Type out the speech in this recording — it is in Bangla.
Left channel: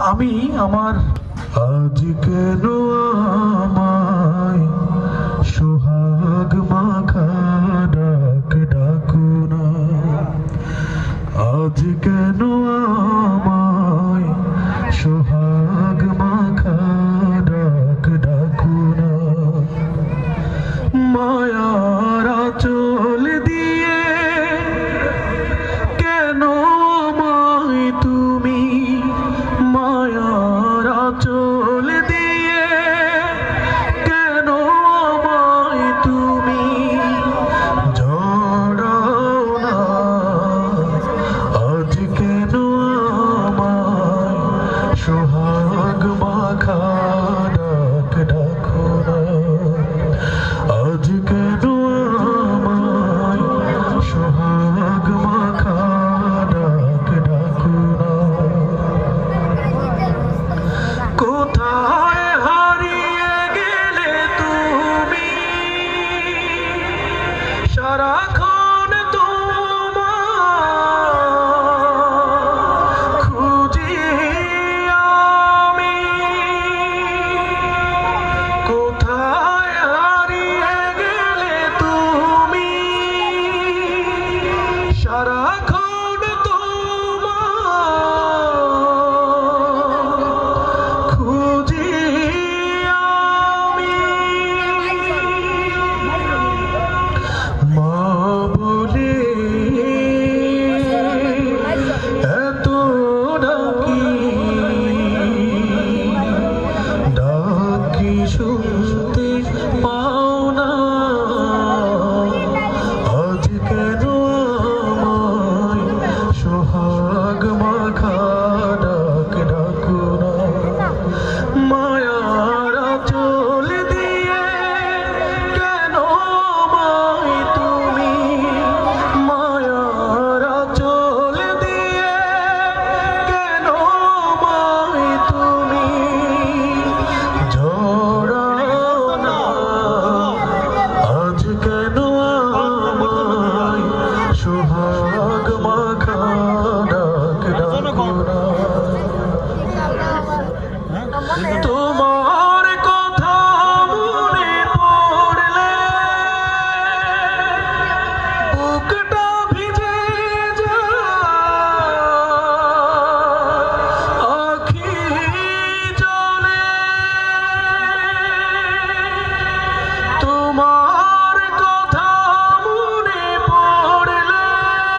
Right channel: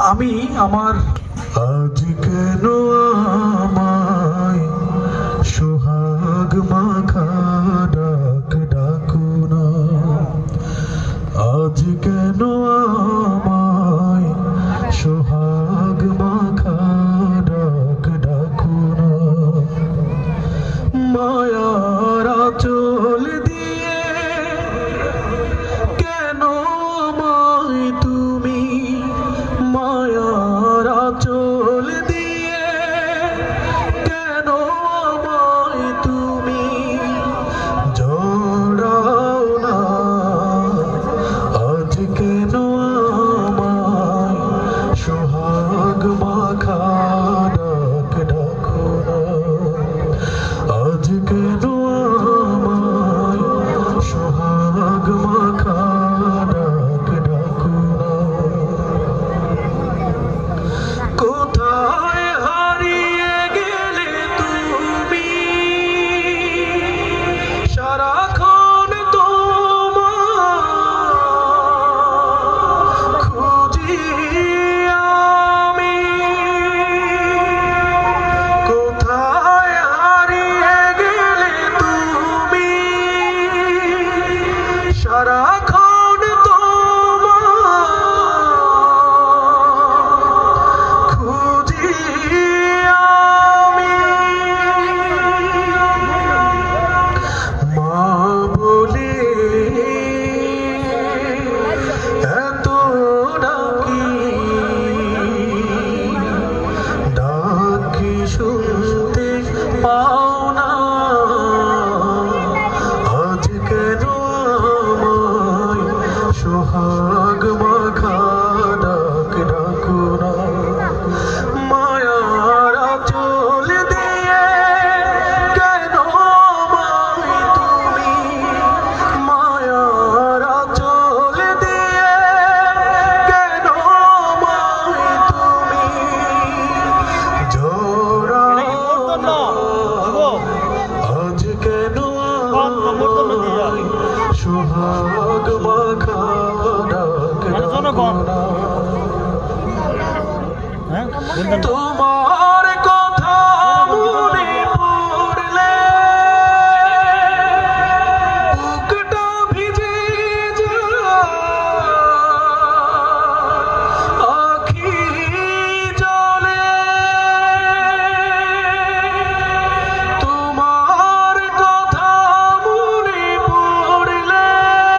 আমি আমার আজ কেন আমায় সোহাগ মাখা ডাক ডাকু না? আজ কেন সোহাগ মাখা ডাক ডাকু না? মায়ারা চলে തൂക്കട്ട